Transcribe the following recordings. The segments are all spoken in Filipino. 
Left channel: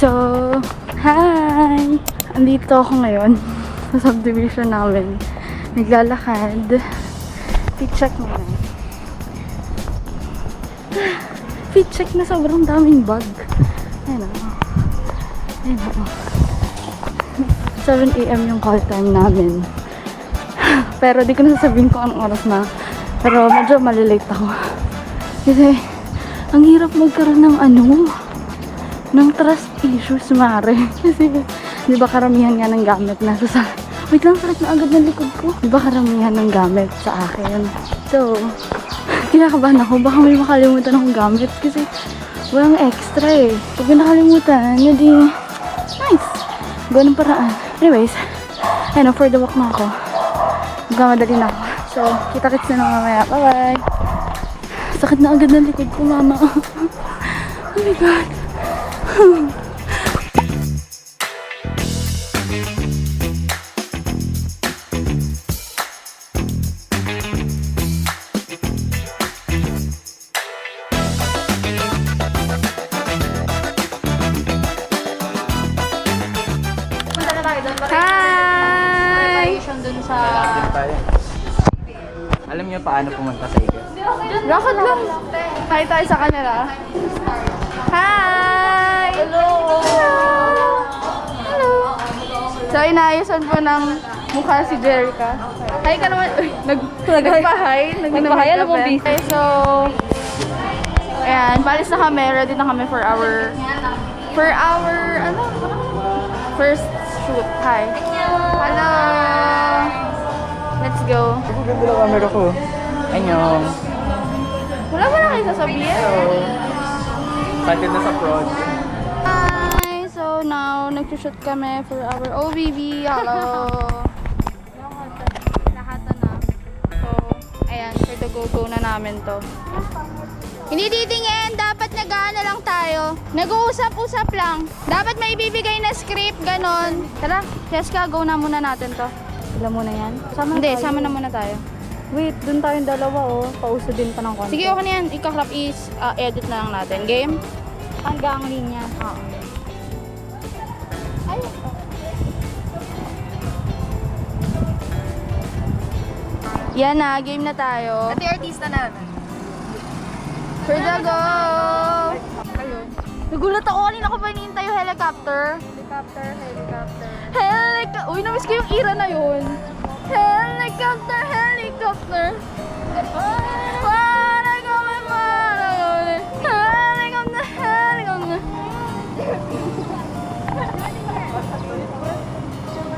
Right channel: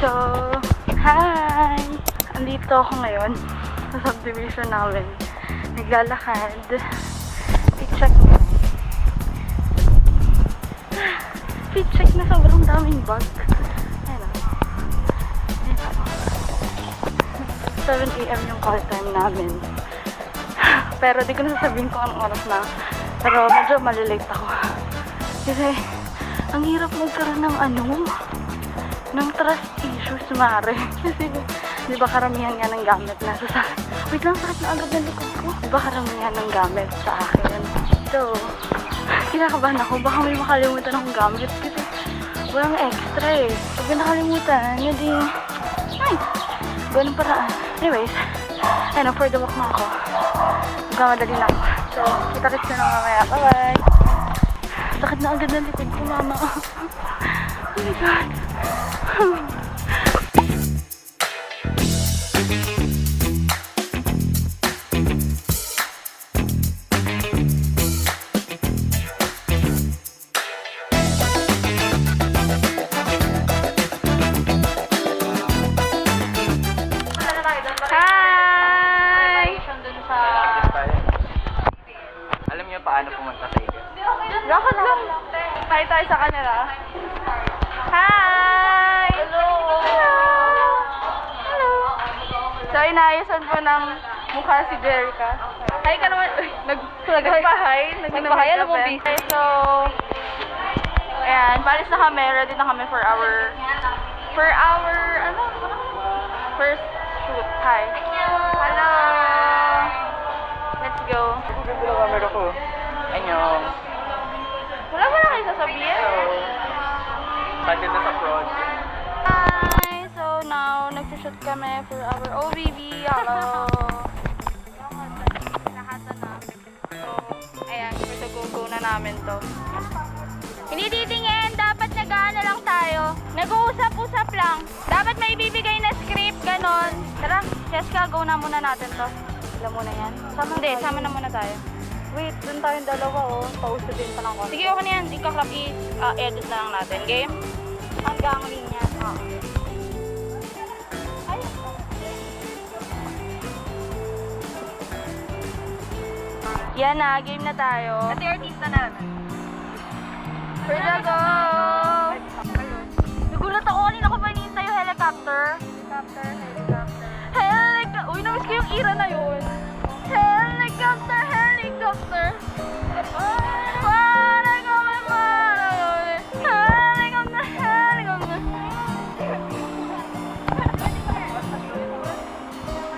So, hi! Andito ako ngayon sa subdivision namin. Naglalakad. Fit check na. Fit check na, sobrang daming bag. Ayan o. Ayan o. 7 AM yung call time namin. Pero di ko na sasabihin kung anong oras na. Pero medyo malilate ako. Kasi, ang hirap magkaroon ng ng trust issues, mare. Kasi, di ba karamihan nga ng gamit nasa sa... Wait lang, sakit na agad ng likod ko. Di ba karamihan ng gamit sa akin? So, kinakabahan ako. Baka may makalimutan akong gamit. Kasi, walang extra eh. Pag nakalimutan, hindi... Nice! Ganun paraan. Anyways, ayun, for the walk na ako. Magmamadali na ako. So, kita-kits na lang mamaya. Bye-bye! Sakit na agad ng likod ko, mama. Oh my God! Alam niyo paano pumunta sa iyo? Lakad lang. Hi tayo sa kanila. Hi! Hello! Hello! So, inaayusan po ng mukha si Jerica. Hi ka naman. Uy, nagpa-hi. Nagpa-hi, alam mo, busy. Okay, so, ayan, palis na kami. Ready na kami for our first shoot. Hi. Hello! Let's go. Ang ganda ng camera ko. Anyong. Wala ba na kayo sasabihin? Excited na sa project. Hi! So now, nag-shoot kami for our OBB. Hello! Ayan, go na namin to. Hindi titingin, dapat nag-ano lang tayo. Nag-uusap-usap lang. Dapat may ibibigay na script, ganon. Tara, Jessica, go na muna natin to. Alam mo na yan? Hindi, sama na muna tayo. Wait, dun tayong dalawa oh. Pauso din pa ng konti. Sige, okay na yan. Ika-crop is edit na lang natin. Game? Hanggang linya. Yan na, game na tayo. Pati artista na. For the go! Nagulat ako kanina ko ba hinihintay yung helicopter? Helicopter. Uy, namiss ko yung era na yun. Helicopter.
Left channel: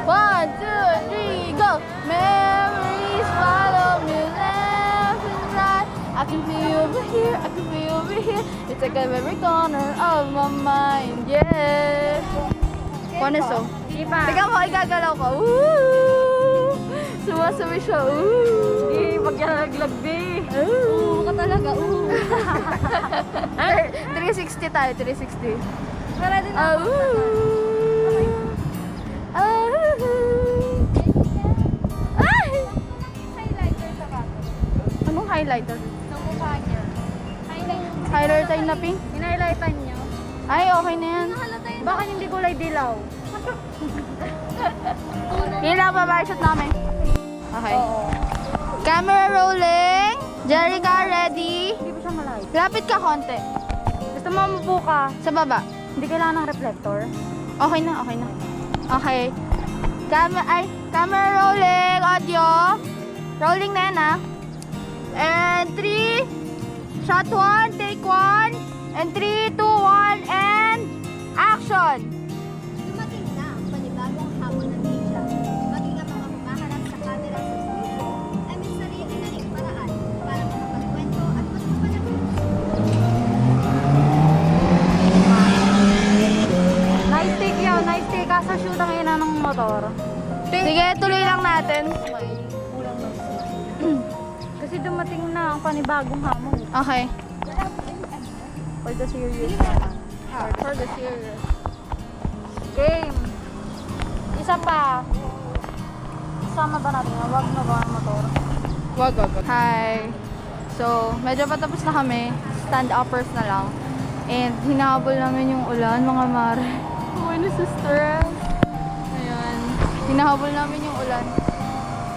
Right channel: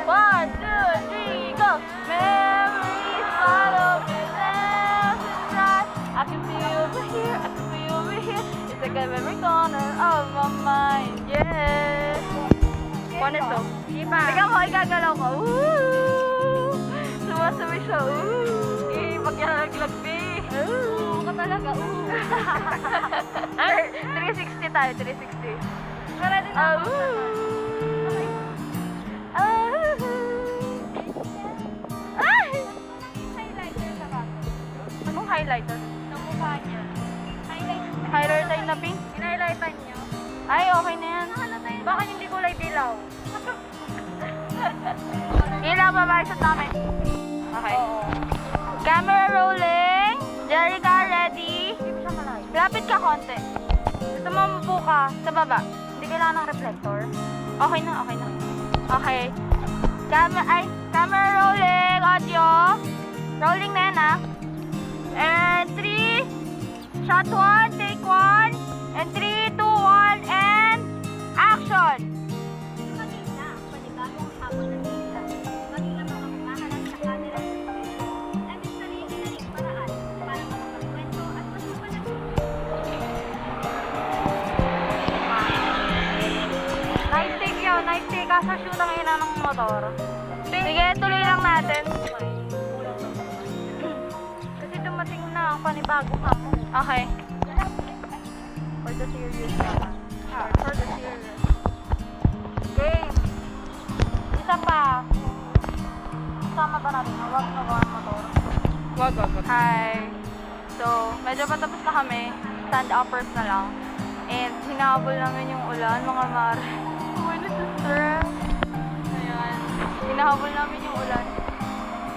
One, two, three, go! Memories follow me left and right. I can feel over here, It's like every corner of my mind, yeah. One is so. Teka mo, igagalaw ko. Woo! Sumasabi siya, Paglalaglag, be. Ka talaga, 360 tayo, 360. Para din ako. Anong highlighter? Sa mukha niya. Highlighter na pink? Hinahilightan niya. Ay, okay na yan. Baka hindi kulay dilaw. Yun lang ba shot namin? Okay. Camera rolling. Jerica, ready? Lapit ka konti. Gusto mo mabuo ka? Sa baba. Hindi kailangan ng reflector. Okay na. Okay. Camera rolling. Audio. Rolling na yan, ah. And 3. Shot 1. Take 1. And 3, 2, 1. And action. Nice take yun. Nice take. Kaso shoot ang ina ng motor. Sige, tuloy lang natin. Kasi dumating na ang panibagong hamon. Okay. For the series. For the series. Game. Isa pa. Sama ba natin? Wag na ba ang motor? Wag. Hi. So, medyo patapos na kami. Stand-uppers na lang. And hinabol namin yung ulan, mga mare. sister. Ayan. Hinahabol namin yung ulan.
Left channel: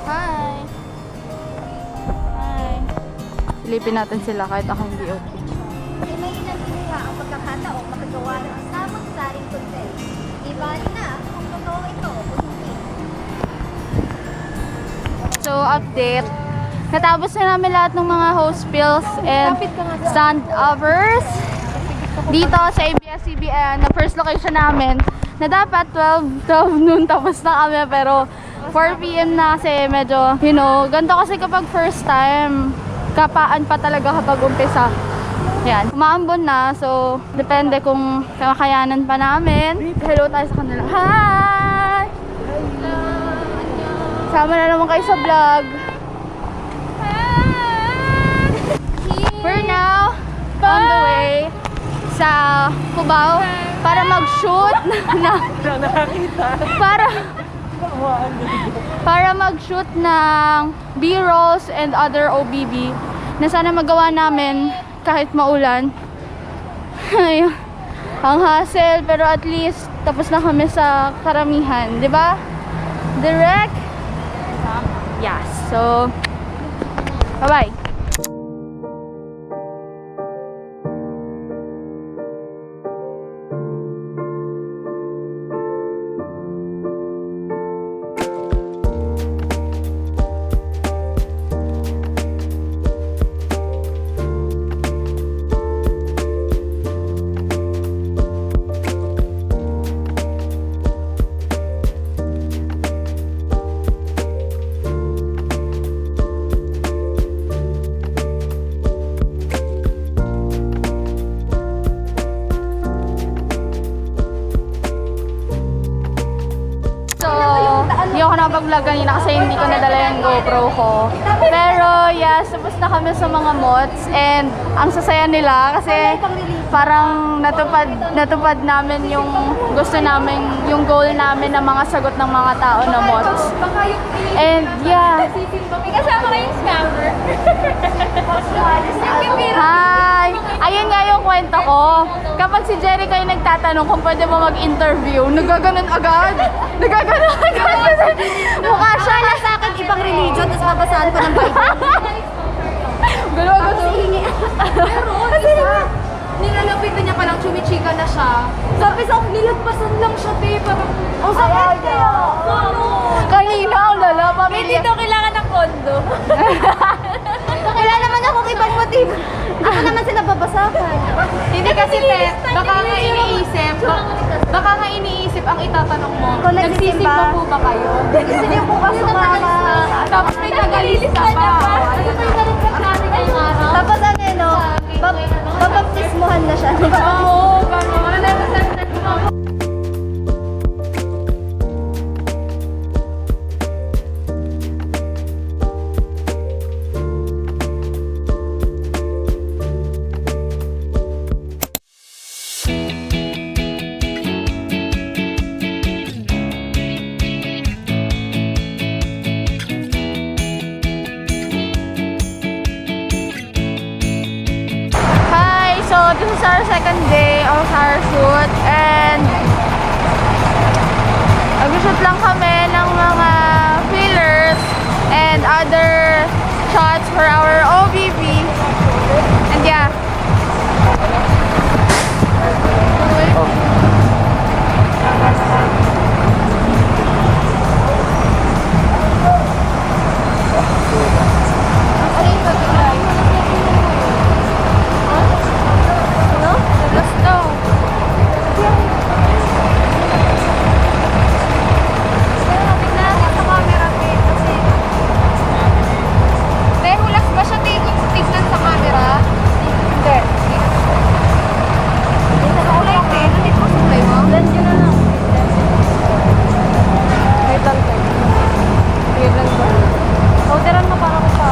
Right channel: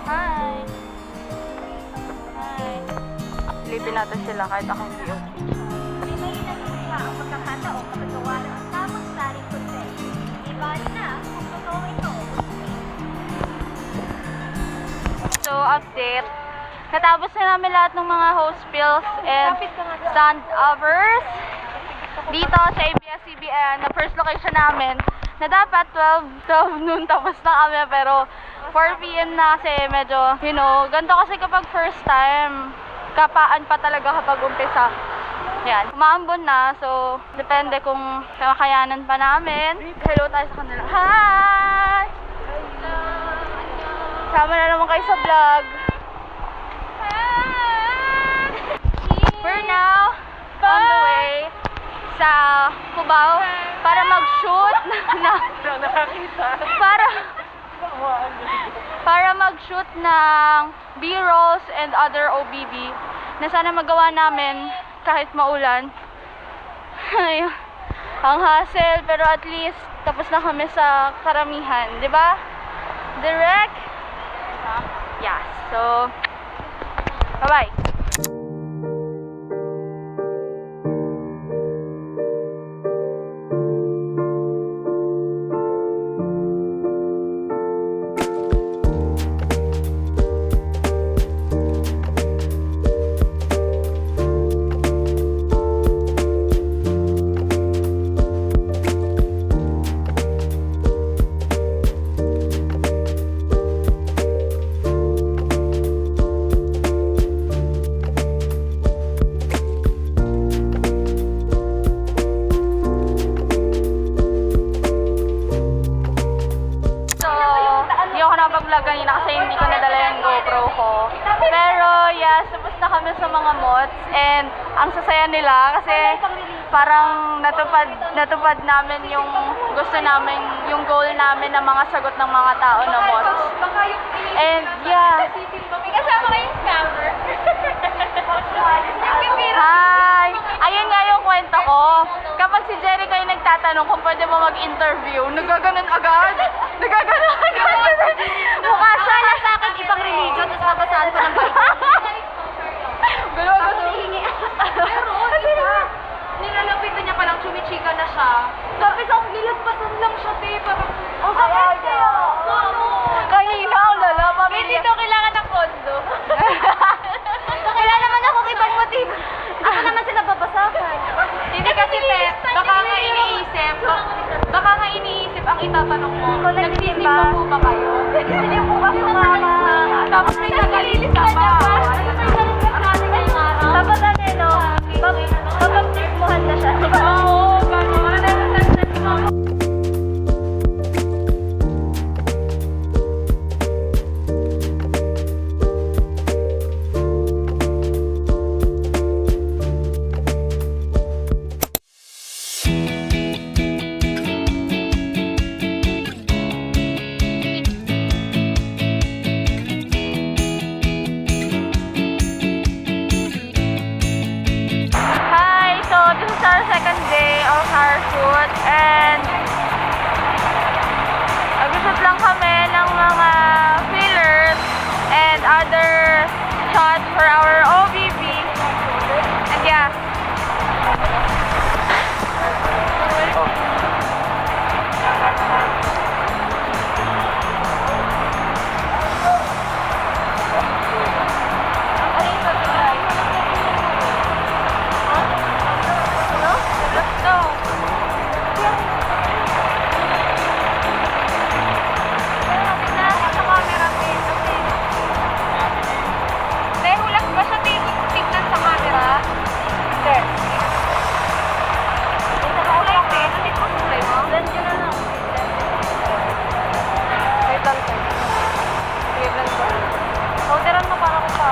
Hi! Hi! Silipin natin sila kahit ako hindi okay. So, update. Natapos na namin lahat ng mga host pills and stand-uppers dito sa ABS-CBN, na first location namin, na dapat 12 noon tapos na kami, pero 4 PM na kasi medyo, you know, ganito kasi kapag first time, kapaan pa talaga kapag umpisa. Yan, umaambon na, so depende kung kakayanan pa namin. Hello tayo sa kanila. Hi! Sama na naman kayo sa vlog. We're now on the way sa Cubao para mag-shoot para mag-shoot ng B-rolls and other OBB na sana magawa namin kahit maulan. Ayun. Ang hassle, pero at least tapos na kami sa karamihan, di ba? Direct. Yes. So, bye-bye. Kanina kasi hindi ko nadala yung GoPro ko. Pero yes, tapos na kami sa mga mods and ang sasaya nila kasi parang natupad namin yung gusto namin, yung goal namin na mga sagot ng mga tao na mods. And yeah. May kasama kayong scammer. Hi! Ayun nga yung kwento ko. Kapag si Jerica yung nagtatanong kung pwede mo mag-interview, nagaganon agad. Nagaganon agad. Mukha siya na sa akin ibang religion, tapos mabasahan ko ng Bible. Gano'n agad. Pero, nilalapitan niya palang chumichika na siya. Sabi sa akin, nilagpasan lang siya, te. Parang, oh, sakit kaya. Kanina ang lala, pamilya. Hindi daw kailangan ng kondo. Wala naman akong ibang motibo. Ako naman sila babasakan. Hindi kasi, te, baka nga iniisip ang itatanong mo. Nagsisimba po ba kayo? Hindi po kasi mama. Tapos may nagalilis ka pa. Tapos ano, babaptismuhan na siya. Oo, gano'n. Hi! So, this is our second day of our shoot and mag-shoot lang kami ng mga fillers and other shots for our OBB. And yeah. Let's go. Hulas ba siya tignan sa camera? Hindi. Kulay, te. Nandito mo sa kulay mo? Wait lang. Wait lang ba? Orderan mo para ko pa.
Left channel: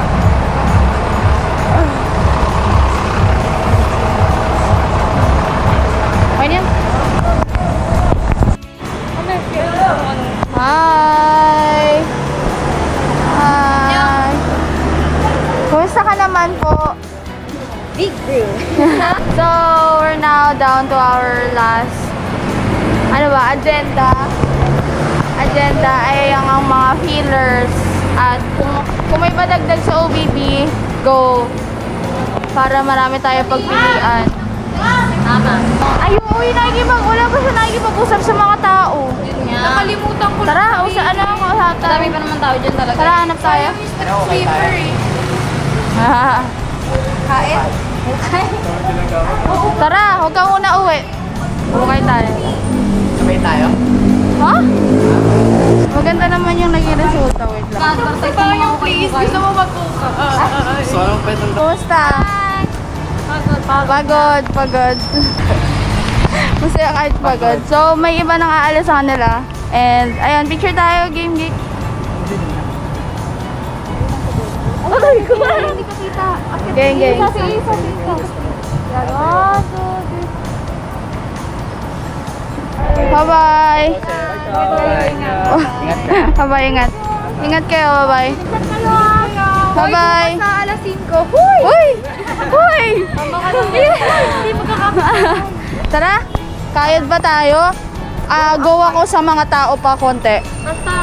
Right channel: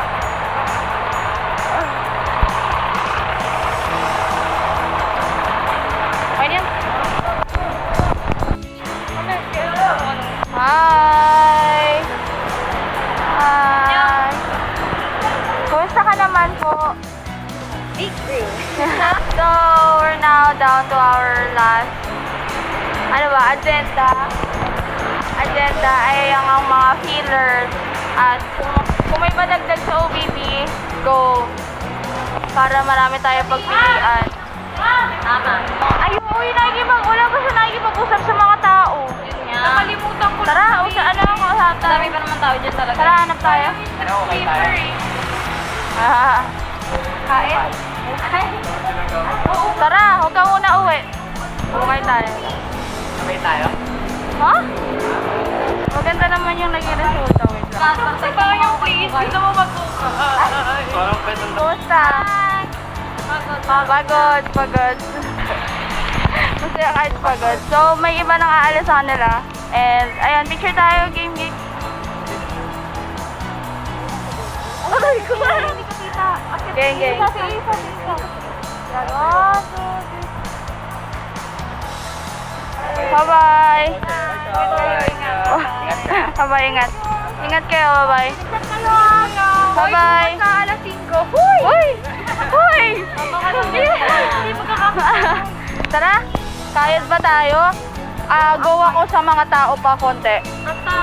Okay niya? Hi! Hi! Kumusta ka naman po? Big grill. So, we're now down to our last, ano ba, agenda ay ang mga fillers. At kung may madagdag sa OBB, go. Para marami tayo pagpilian. Tama. Ay, wala ba siya nakikipag-usap sa mga tao? Yun nga. Nakalimutan ko Tara, ano ang kausap tayo? Madami pa naman tao dyan talaga. Tara, hanap tayo. Swimmer eh. Kain. Tara, huwag ka muna uwi. Bukay tayo. Sabay tayo. Ha? Maganda naman yung naging resulta. Wait lang. Please, gusto mo magtuka. So, anong pwede Kumusta? Pagod. Masaya kahit pagod. So, may iba nang aalis sa kanila. And, ayun, picture tayo, game geek. Aray ko ba? Hindi ko kita. Gang. Bye-bye. Ingat ka. Bye-bye, ingat. Ingat kayo, bye-bye. Bye-bye. Sa alas 5. Uy! Hindi Tara, kayod ba tayo? Go ako sa mga tao pa konti. Basta,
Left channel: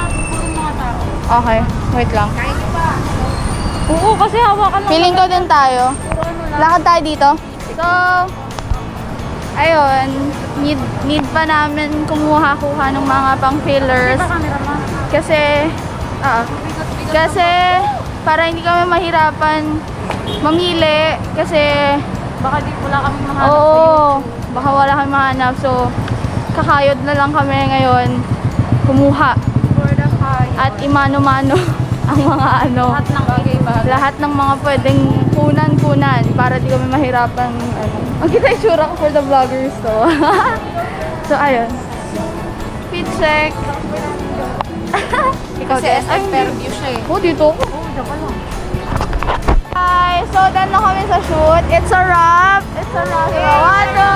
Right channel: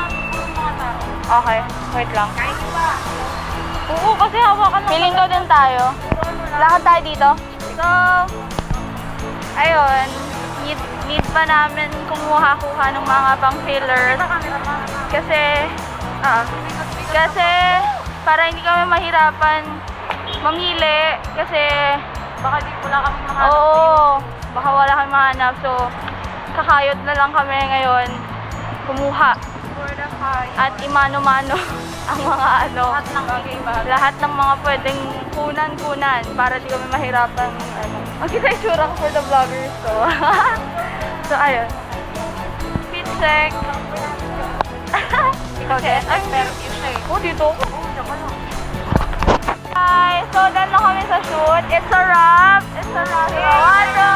mga tao. Okay, wait lang. Oo, kasi hawakan lang. Feeling ko din tayo. Lakad tayo dito. So, ayun, need pa namin kumuha-kuha ng mga pang-fillers. Kasi para hindi kami mahirapan mamili. Kasi, Baka di wala kaming mahanap sa'yo. oo, baka wala kami mahanap. So, kakayod na lang kami ngayon kumuha. At imano-mano ang mga Lahat ng bagay-bagay. lahat ng mga pwedeng kunan para di kami mahirapan. Ang kita itsura ko for the vloggers to. So, ayun. Fit check. Ikaw Kasi din. SF Fairview siya eh. Oh, dito ako. Hi! So, done na kami sa shoot. It's a wrap. 1, 2,